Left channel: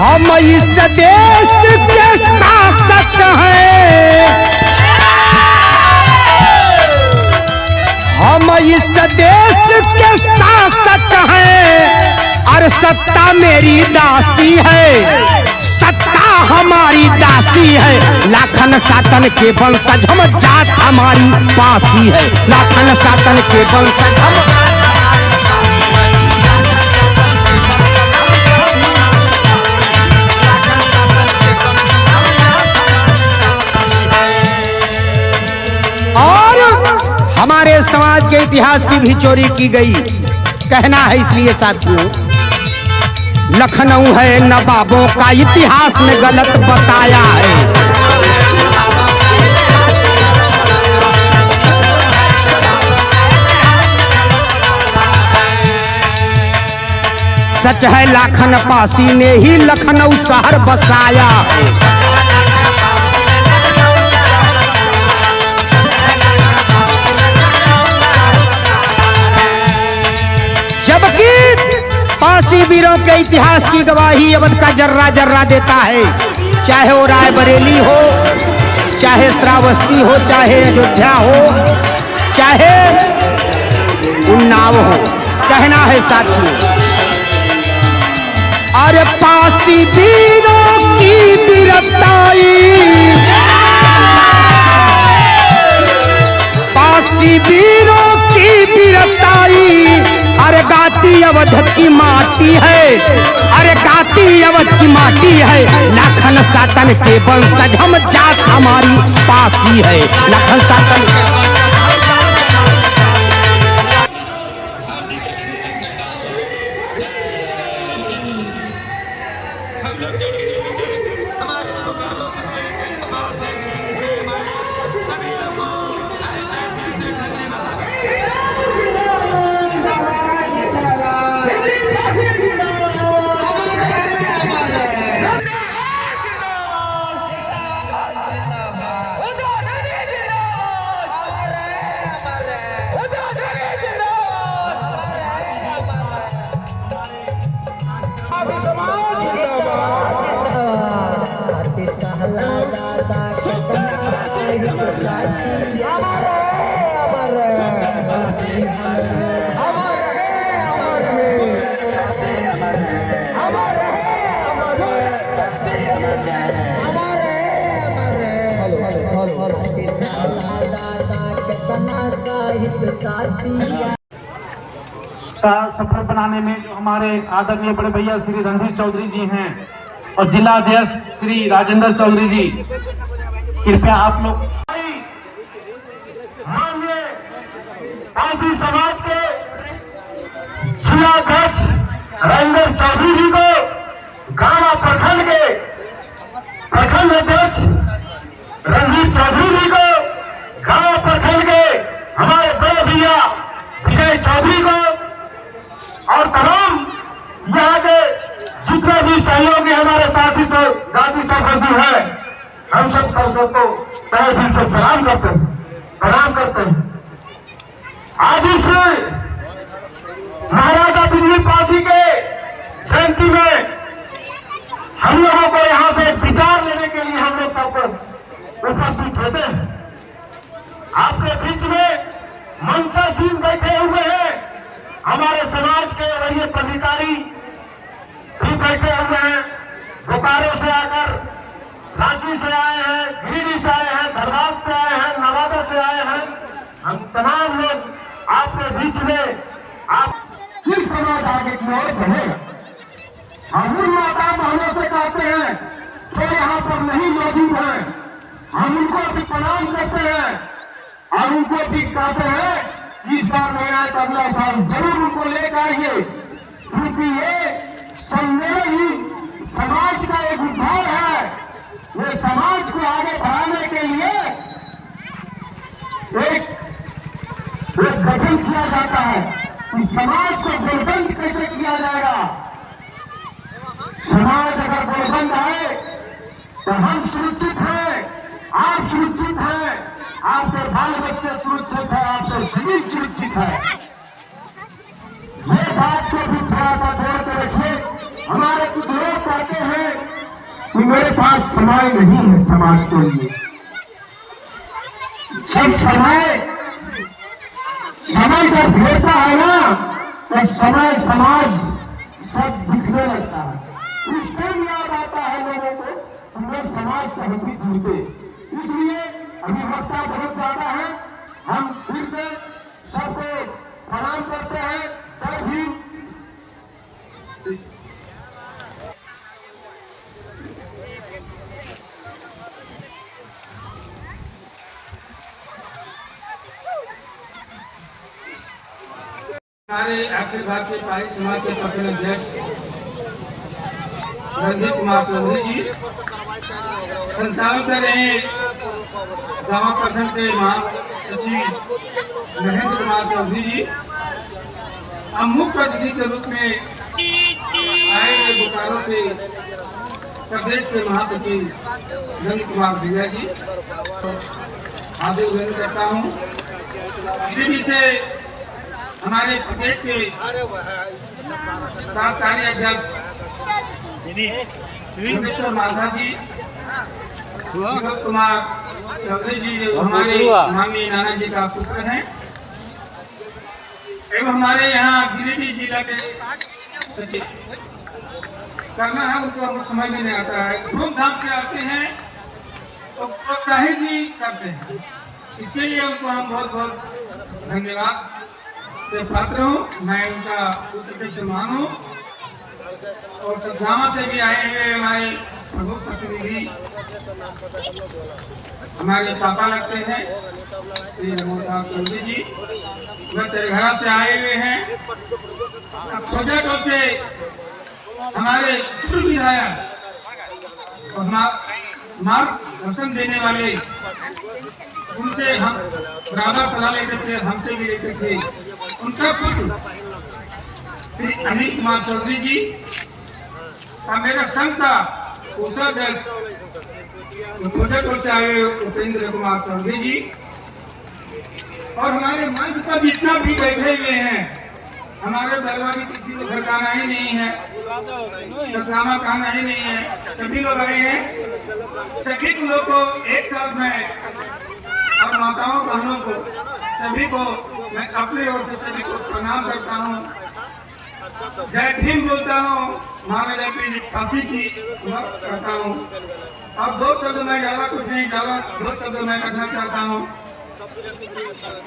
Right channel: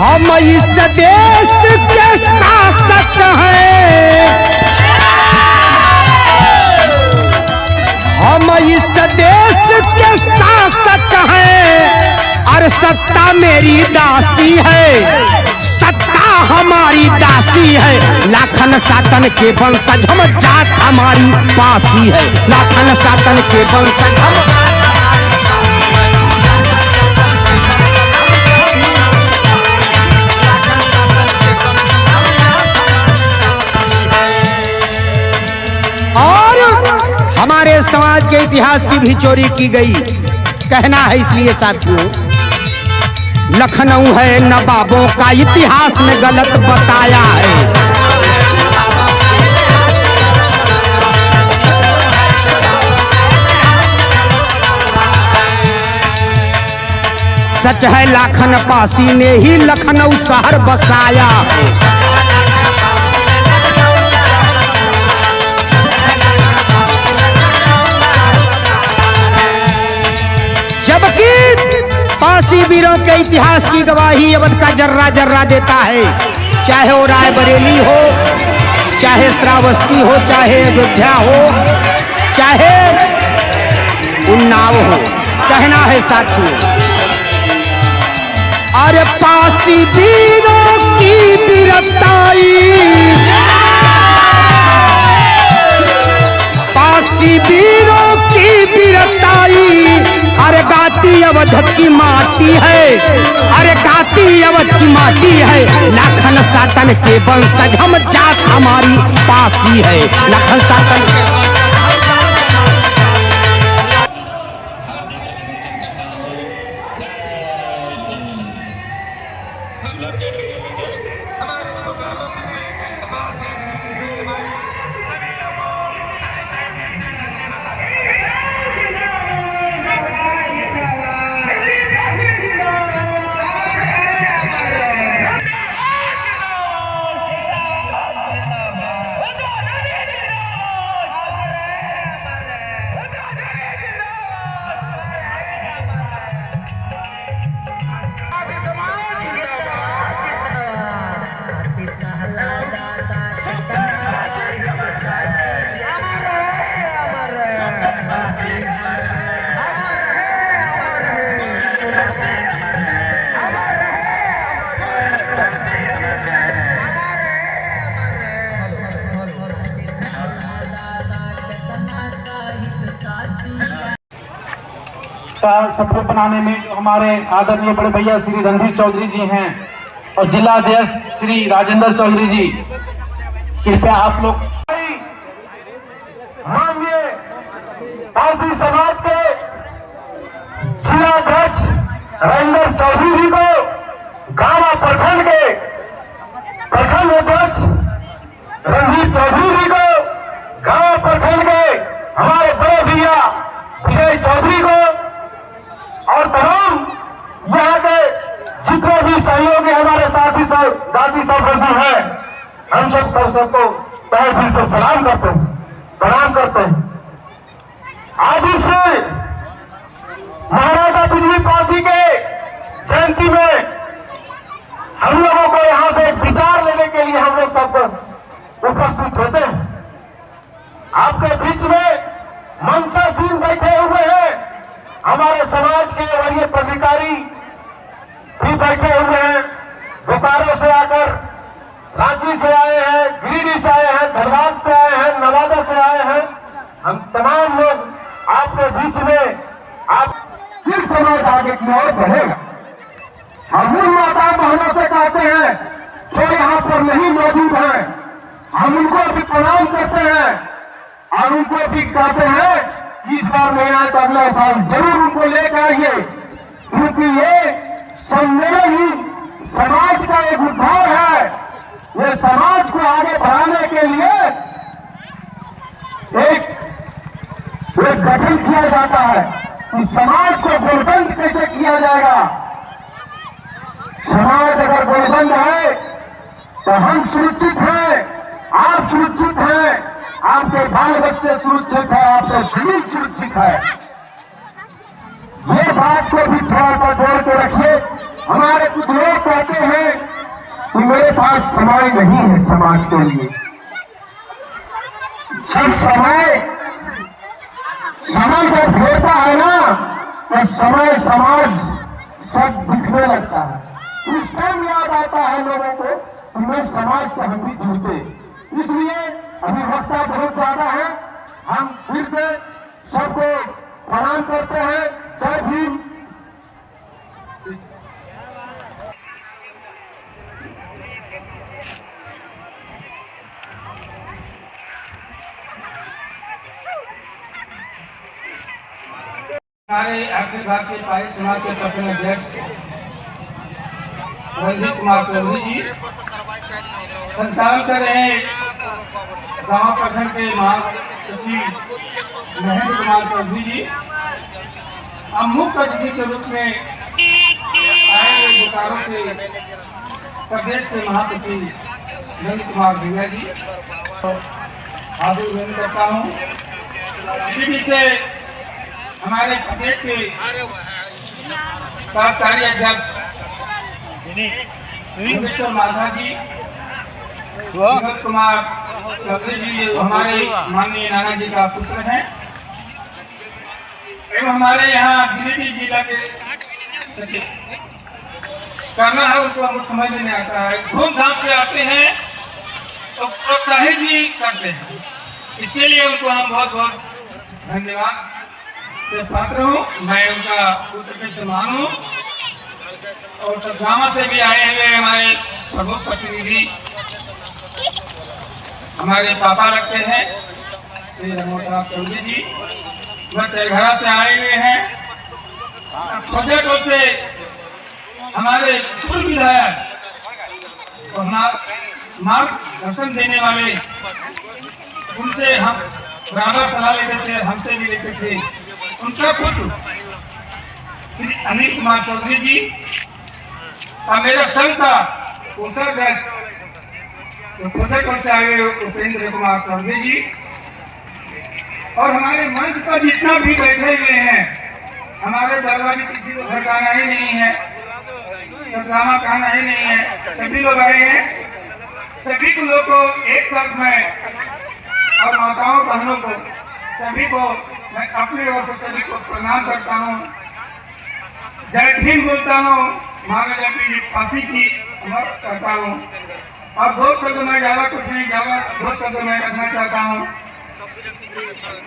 हम इस देश के शासक हैं, हम इस देश के शासक हैं और सत्ता मेरी दासी है, सत्ता हमारी दासी है। लाखन सातन के वंशज हम, जात हमारी पासी है। लाखन सातन के वंशज हम। हमारे समाज के इतिहास की भी चोरी की गई, कहना है इसलिए साथियों। लखनऊ है नवाबों का, इतिहास में गलत बताया है। सच है लाखन पासी ने ही लखनऊ शहर बसाया है। जबकि पासी वीरों के इतिहास की गवाही अवध का जर्रा जर्रा देता है। चाहे वो रायबरेली हो, चाहे श्रावस्ती हो, चाहे अयोध्या हो, चाहे उन्नाव हो। कहना है साथियों, अरे पासी वीरों की वीरताई, पासी वीरों की वीरताई, अरे गाती अवध की माटी है, अरे गाती अवध की माटी है। लाखन सातन के वंशज हम, जात हमारी पासी है। लाखन सातन का सफल बनाने में जो हमारे आदरणीय बड़े भैया श्री रणधीर चौधरी जी हैं और जिला अध्यक्ष श्री राजेंद्र चौधरी जी, कृपया आप लोग माननीय पासी समाज के जिला अध्यक्ष राजेंद्र चौधरी जी को, गामा प्रखंड के प्रखंड अध्यक्ष रणधीर चौधरी जी को, गामा प्रखंड के हमारे बड़े भैया विजय चौधरी को और तमाम यहाँ के जितने भी सहयोगी हमारे साथी सब दादी सब बंधु हैं, हम सब सबको तहे दिल से सलाम करते हैं, प्रणाम करते हैं। आज इस महाराजा बिजली पासी के जयंती में हम लोगों को यहाँ से विचार लेने के लिए हम लोग सब उपस्थित होते हैं। आपके बीच में मंचासीन बैठे हुए हैं, हमारे समाज के वरीय पदाधिकारी भी बैठे हुए हैं। बोकारो से आकर, रांची से आए हैं, गिरिडीह से आए हैं, धनबाद से आए हैं, नवादा से आए हैं। हम तमाम लोग आपके बीच में, आप फिर समाज आगे की ओर बढ़ेगा। हम उन माता बहनों से कहते हैं जो यहाँ पर नहीं मौजूद है, हम उनको भी प्रणाम करते हैं और उनको भी कहते हैं इस बार नहीं आए तो अगला साल जरूर उनको लेकर आइए, क्योंकि ये सम्मेलन ही समाज का एक उद्धार है। ये समाज को आगे बढ़ाने के लिए एक गठन किया जाता है कि समाज को गोलबंद कैसे किया जाएगा। समाज अगर गोलबंद है तो हम सुरक्षित हैं, आप सुरक्षित हैं, आपके बाल बच्चे सुरक्षित है, आपका जमीन सुरक्षित है। ये बात को भी थोड़ा सा जोड़ के रखिए हमारे कुछ लोग कहते हैं कि मेरे पास समय नहीं है समाज के लिए। जब समय जब घेरता है ना, तो समय समाज सब दिखने लगता है। उस टाइम याद आता है लोगों को कि मैं समाज से हम भी जुड़ते। इसलिए अभी वक्त बहुत ज्यादा है, हम फिर से सबको प्रणाम करते हैं। जय भीम। हमारे अखिल भारतीय पारिक समाज के प्रथम अध्यक्ष रणधीर कुमार चौधरी जी संचालन कर रहे हैं। गांव प्रखंड के महासचिव महेंद्र कुमार चौधरी जी हम मुख्य अतिथि के रूप में आए हुए बोकारो से प्रदेश के महासचिव नंद कुमार भैया जी हार्दिक अभिनंदन करता हूँ। इसी से हमारे प्रदेश के कार्यकारी अध्यक्ष योगेश्वर माधा जी, विनोद कुमार चौधरी जी हमारे माननीय नाना जी का पुत्र हैं एवं हमारे यहाँ गिरिडीह जिला के सचिव करना है उनको हमको समझ में नहीं आता है। धूमधाम से आते हैं तो प्रोत्साहित भी करते हैं, इसके लिए उनको हम बहुत बहुत धन्यवाद से पात्र हूँ। मैं उनका पुत्र के समान हूँ और सतगावा से भी आए हुए हमारे प्रमुख प्रतिनिधि हमारे पापा लगते हैं श्री रमोदर चौधरी जी, वह चरघरा से आए हुए हैं। प्रोजेक्ट से हमारे पूर्व विधायक और मार्गदर्शन देने वाले, उनसे हम बराबर सलाह लेते थे, हमसे भी लेते थे। उनका पुत्र श्री अनिल कुमार चौधरी जी और मेरा संघ का कोषाध्यक्ष प्रोजेक्ट से आए उपेंद्र कुमार चौधरी जी और हमारे मंच पर जितना भी बैठे हुए हैं, हमारे बालवानी किसी को घर आना ही नहीं है, ड्रामा कहना ही नहीं है, सभी लोग आए हैं। सभी को लोग को एक साथ में और माताओं बहनों को सभी को मैं अपनी ओर से सभी को प्रणाम करता हूँ, जय भीम बोलता हूँ, महाराजा की फांसी की करता हूँ। और दो शब्द मैं ज्यादा कुछ नहीं, ज्यादा दो शब्द मैं रखना चाहता हूँ।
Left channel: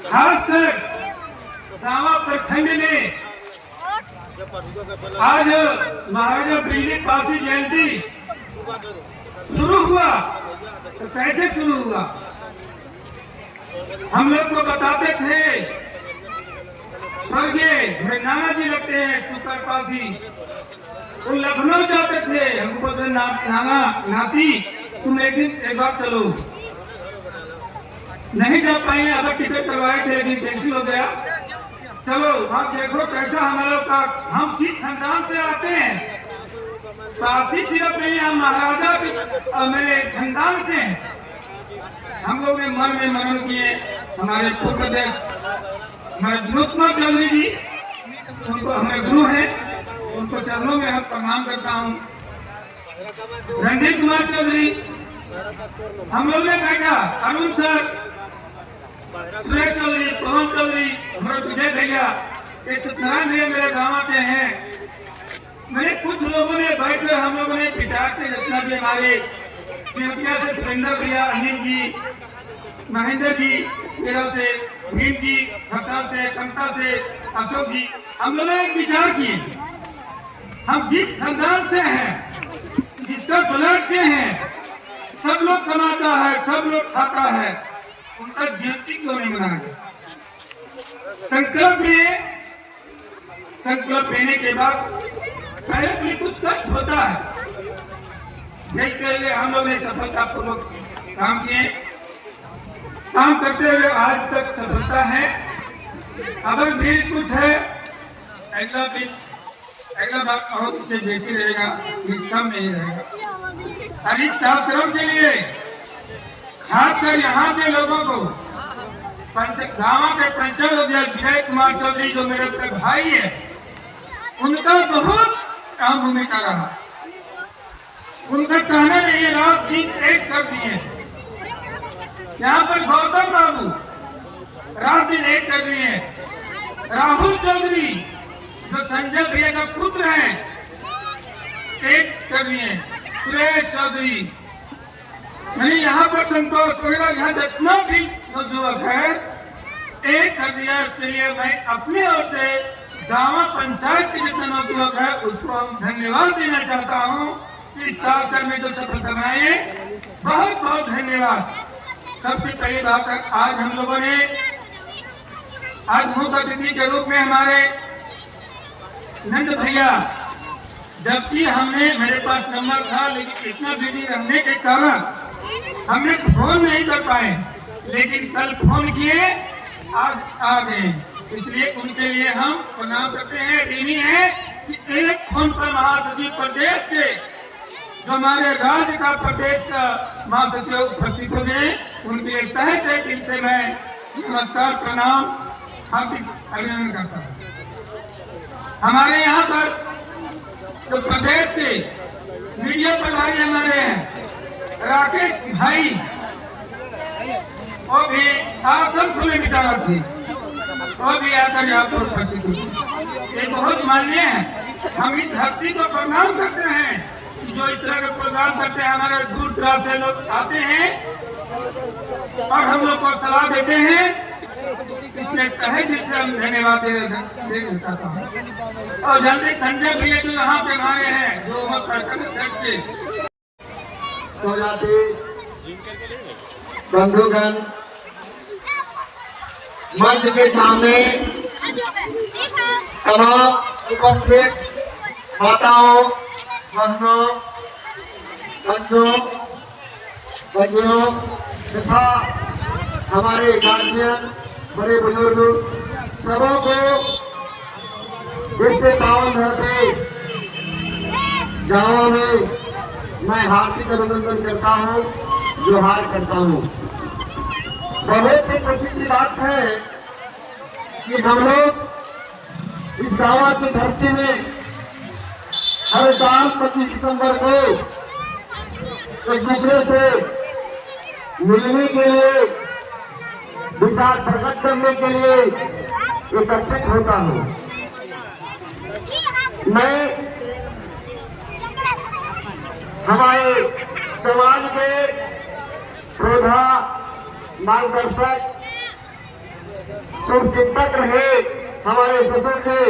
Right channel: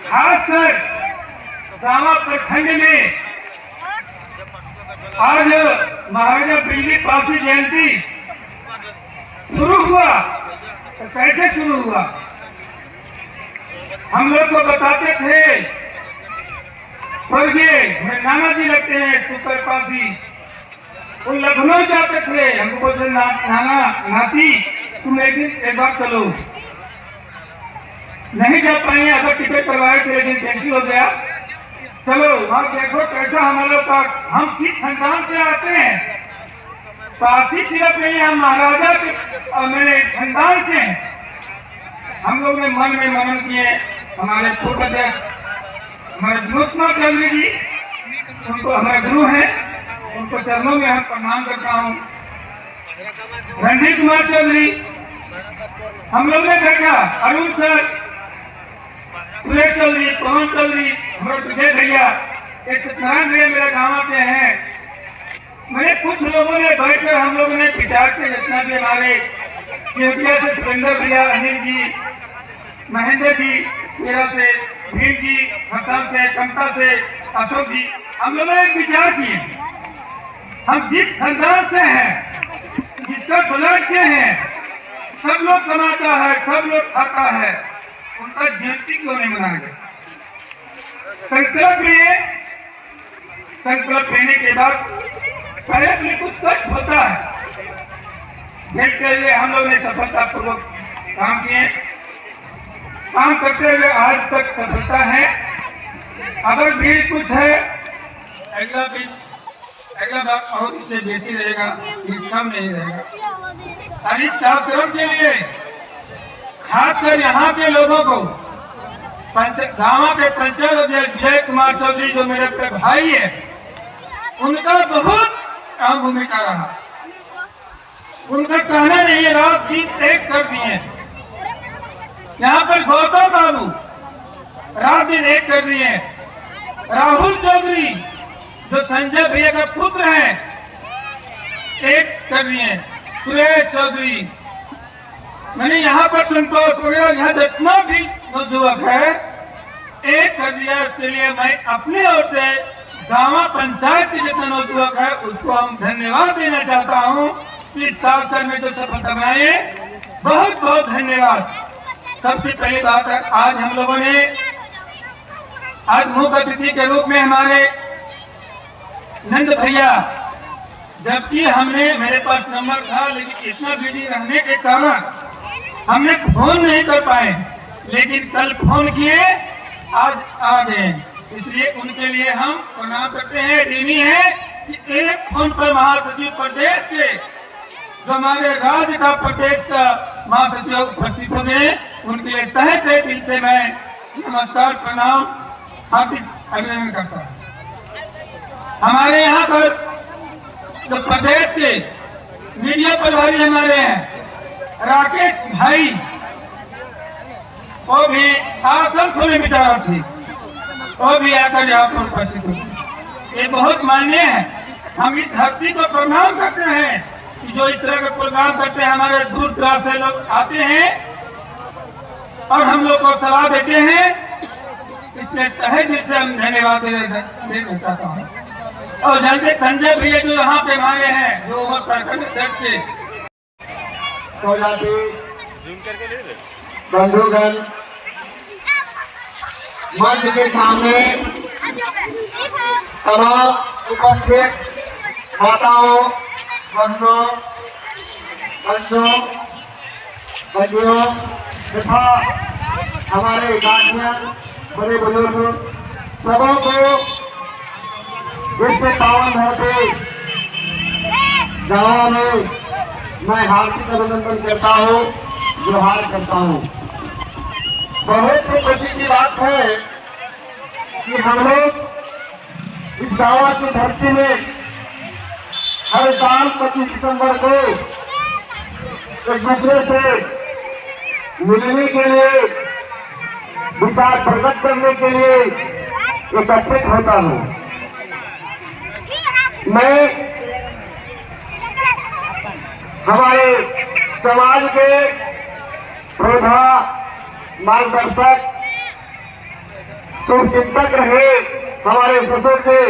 खासकर गाँव प्रखंड में आज महाराजा बिजली पासी जयंती शुरू हुआ तो कैसे शुरू हुआ? हम लोग को बताते थे, स्वर्गीय हमें नाना जी लगते हैं सुपर पासी, वो लखनऊ जाते थे, हमको बोलते नाना नाती तुम एक बार चलो। नहीं जा पाए, अगर टिकट करवाए थे लेकिन कैंसिल हो गया। चलो वहां देखो कैसा हम लोग का, हम किस खानदान से आते हैं। पासी सिर्फ नहीं, हम महाराजा के मेरे खानदान से हैं। हम लोग ने मन में मनन किए। हमारे पूर्व अध्यक्ष हमारे विनोद कुमार चौधरी जी, उनको हमारे गुरु हैं, उनको चरणों में हम प्रणाम करता हूँ। रणधीर कुमार चौधरी, हम लोग ने देखा अरुण सर, सुरेश चौधरी, पवन चौधरी, हमारे विजय भैया, ये सत्यनारायण भैया मेरे गाँव के हैं। मैंने कुछ लोगों ने बैठकर हम लोगों ने विचार के, जितना भी हमारे चिरकिया से सुरेंद्र भैया, अनिल जी, महेंद्र जी, मेरा से भीम जी, खताल से, कमता से, अशोक जी, हम लोगों ने विचार किए, हम जिस खानदान से हैं, जिसका ब्लड से हैं, सब लोग कमाता है, सब लोग खाता है, उनका जयंती क्यों नहीं मनाएंगे? संकल्प लिए, संकल्प लेने के बाद पहले भी कुछ कष्ट होता है, देख के लिए हम लोग ने सफलतापूर्वक काम किए। काम करते हुए आज तक सफलता है। अगर भी कुछ है, अगला बात और इससे बेसी रहेगा, कम नहीं रहेगा। और इस कार्यक्रम के लिए खासकर यहाँ के लोगों को, गाँव के पंचायत अध्यक्ष विजय कुमार चौधरी जो मेरे अपने भाई है, उनका बहुत अहम भूमिका रहा। उनका कहना नहीं, रात दिन एक कर दिए। यहाँ पर गौतम बाबू रात दिन एक कर दिए। राहुल चौधरी जो संजय भैया का पुत्र है, एक कर दिए। सुरेश चौधरी, यानी यहाँ पर संतोष वगैरह, यहाँ जितना भी युवक है एक कर दिया। इसके लिए मैं अपनी ओर से गांव पंचायत के जितने नौजुवक है उसको हम धन्यवाद देना चाहता हूँ। इस कार्यक्रम में जो सफलताएं है, बहुत बहुत धन्यवाद। सबसे पहली बात है, आज हम लोगों ने आज मुख्य अतिथि के रूप में हमारे नंद भैया, जबकि हमने मेरे पास नंबर था लेकिन इतना बिजी रहने के कारण हमने फोन नहीं कर पाए, लेकिन कल फोन किए, आज आ गए। इसलिए उनके लिए हम प्रणाम करते हैं। ऋणी है कि एक फोन पर महासचिव प्रदेश के, जो हमारे राज्य का प्रदेश का महासचिव उपस्थित हो गए, उनके लिए तहे तहे दिल से मैं नमस्कार प्रणाम हार्दिक अभिनंदन करता हूँ। हमारे यहाँ पर तो प्रदेश के मीडिया प्रभारी हमारे हैं राकेश भाई, वो भी आसन खुले विचार थी, वो भी आकर यहाँ पर उपस्थित हुए। ये बहुत मान्य है। हम इस धरती को प्रणाम करते हैं कि जो इस तरह का प्रोग्राम करते हैं। हमारे दूर दराज से लोग आते हैं और हम लोग को सलाह देते हैं, इसलिए तहे दिल से हम धन्यवाद देना चाहता हूँ। और जल्दी संजय भैया जो यहाँ पे हमारे हैं, जो अध्यक्ष के बंधुगण, मंच के सामने तमाम उपस्थित माताओं, बहनों, बच्चों, बच्चियों तथा हमारे गार्जियन, बड़े बुजुर्ग, सबों को इससे पावन धरती गाँव में मैं हार्दिक अभिनंदन करता हूँ, जोहार करता हूँ। बहुत ही खुशी की बात है कि हम लोग इस गाँव की धरती में हर साल 25 दिसंबर को एक दूसरे से मिलने के लिए, विचार प्रकट करने के लिए एकत्रित होता हूँ। मैं हमारे समाज के प्रौढ़ा मार्गदर्शक शुभचिंतक रहे हमारे ससुर जी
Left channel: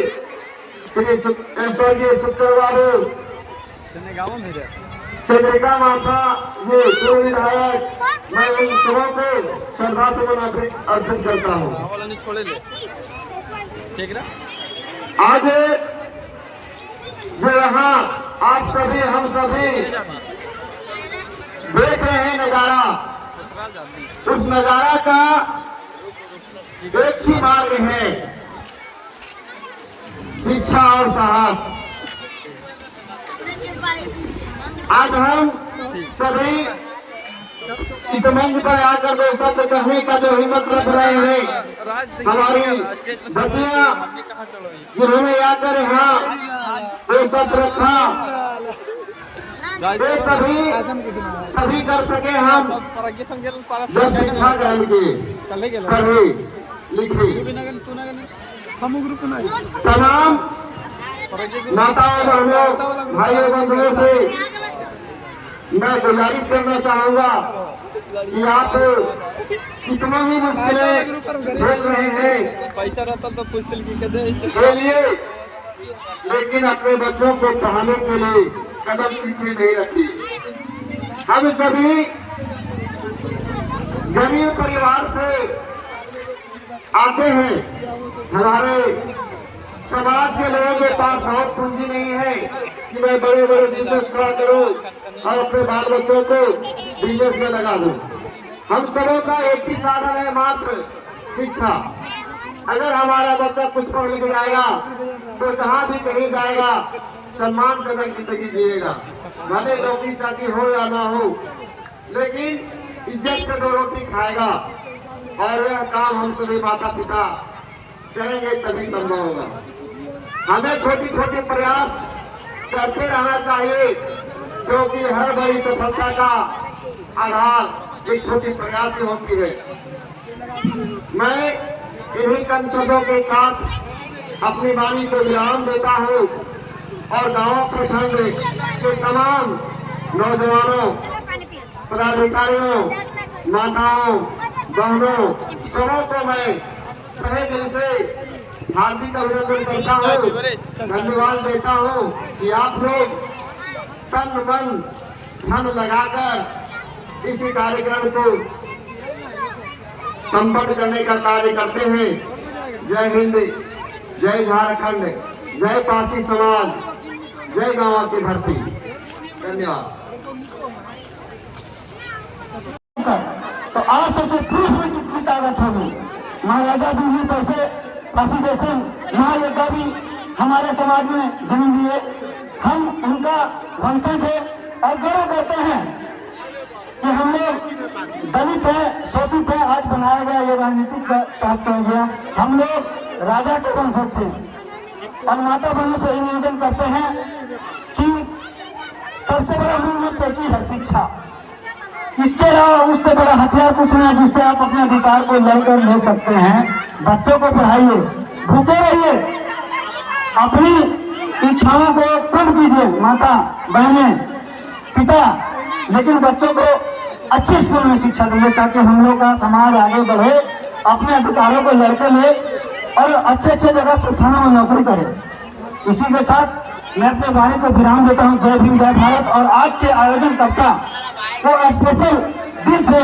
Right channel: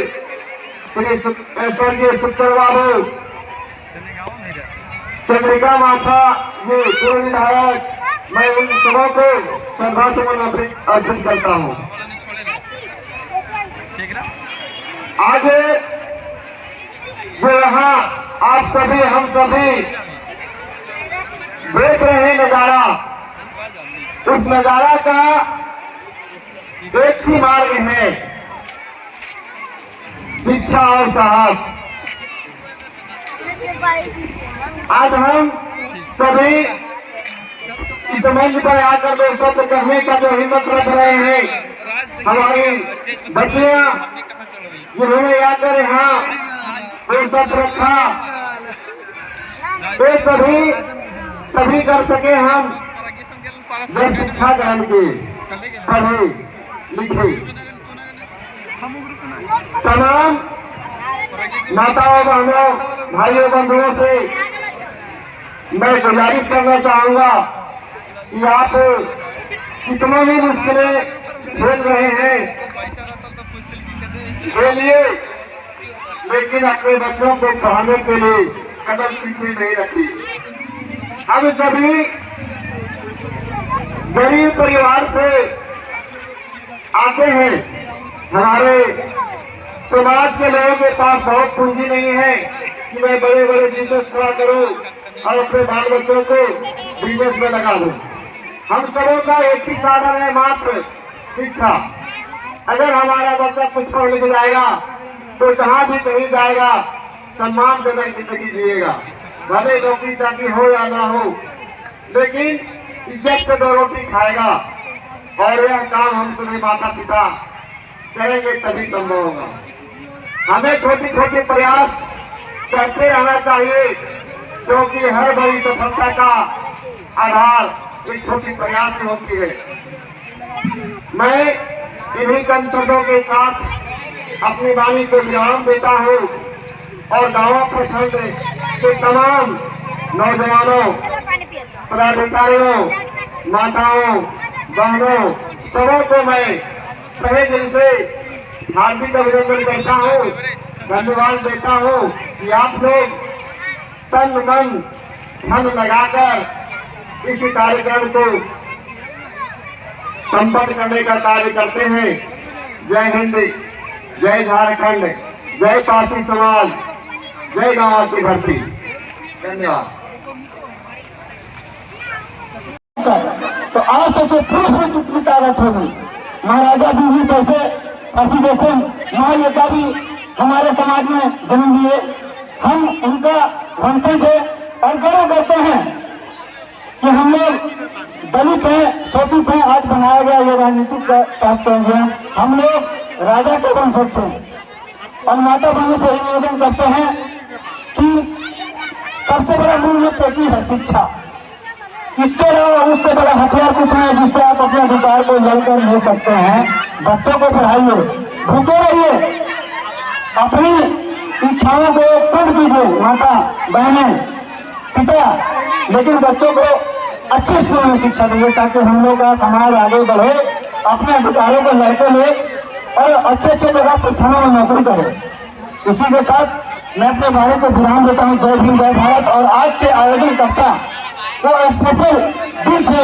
श्री स्वर्गीय सुखदेव बाबू, चंद्रिका माता जी पूर्व विधायक, मैं उन सबों को श्रद्धासुमन अर्पित करता हूँ। आज जो यहाँ आप सभी, हम सभी देख रहे हैं नजारा, उस नजारा का एक ही मार्ग है, शिक्षा और साहस। आज हम सभी इस मंच पर आकर जो शब्द कहने का जो हिम्मत रख रहे हैं, हमारी बच्चियां जिन्होंने आकर यहाँ जो शब्द रखा, वे सभी तभी कर सके हम जब शिक्षा ग्रहण किए, पढ़े लिखे। तमाम माताओं, बहनों, भाइयों, बंधुओं से मैं गुजारिश करना चाहूंगा कि आप कितना ही मुश्किलें झेल रहे हैं, खेलिए, लेकिन अपने बच्चों को पढ़ाने के लिए कदम पीछे नहीं रखिए। हम सभी गरीब परिवार से आते हैं। हमारे समाज के लोगों के पास बहुत पूंजी नहीं है कि मैं बड़े बड़े बिजनेस खड़ा करूं और अपने बाल बच्चों को बिजनेस में लगा दूं। हम सबों का एक ही साधन है, मात्र शिक्षा। अगर हमारा बच्चा कुछ पढ़ लिख जाएगा तो जहाँ भी कहीं जाएगा सम्मानजनक जिंदगी जिएगा, भले नौकरी चाकरी हो या ना हो, लेकिन इज्जत से 2 रोटी खाएगा। और यह काम हम सभी माता पिता करेंगे तभी संभव होगा। हमें छोटी छोटी प्रयास करते रहना चाहिए, क्योंकि हर बड़ी सफलता का आधार एक छोटी प्रयास से होती है। मैं इन्हीं चंद शब्दों के साथ अपनी वाणी को विराम देता हूँ और गाँव प्रखंड के तमाम नौजवानों, पदाधिकारियों, माताओं, बहनों, सबों को मैं तहे दिल से हार्दिक अभिनंदन करता हूँ, धन्यवाद देता हूँ कि आप लोग तन मन धन लगाकर इसी कार्यक्रम को संपन्न करने का कार्य करते हैं। जय हिंद, जय झारखंड, जय पासी समाज, जय गाँव की धरती। धन्यवाद। तो आज सोचे पुरुष में कितनी ताकत होगी। महाराजा बीवी कैसे फांसी जैसे महायोद्धा भी हमारे समाज में जन्म लिए। हम उनका वंशज है और गर्व करते हैं कि हम लोग दलित हैं, शोषित हैं। आज बनाया गया ये राजनीतिक गया, हम लोग राजा के वंशज थे और माता बहनों से निवेदन करते हैं कि सबसे बड़ा मूल मंत्र की है शिक्षा। इसके अलावा उससे बड़ा हथियार कुछ नहीं है जिससे आप अपने अधिकार को जलकर ले सकते हैं। बच्चों को पढ़ाइए, भूखे रहिए, अपनी इच्छाओं को पूर्ण कीजिए, माता बहनें पिता, लेकिन बच्चों को अच्छे स्कूल में शिक्षा दीजिए ताकि हम लोग का समाज आगे बढ़े, अपने अधिकारों को लड़के ले और अच्छे अच्छे जगह संस्थानों में नौकरी करे। इसी के साथ मैं अपने वाणी को विराम देता हूँ। जय भीम, जय भारत। और आज के आयोजन करता को स्पेशल दिल से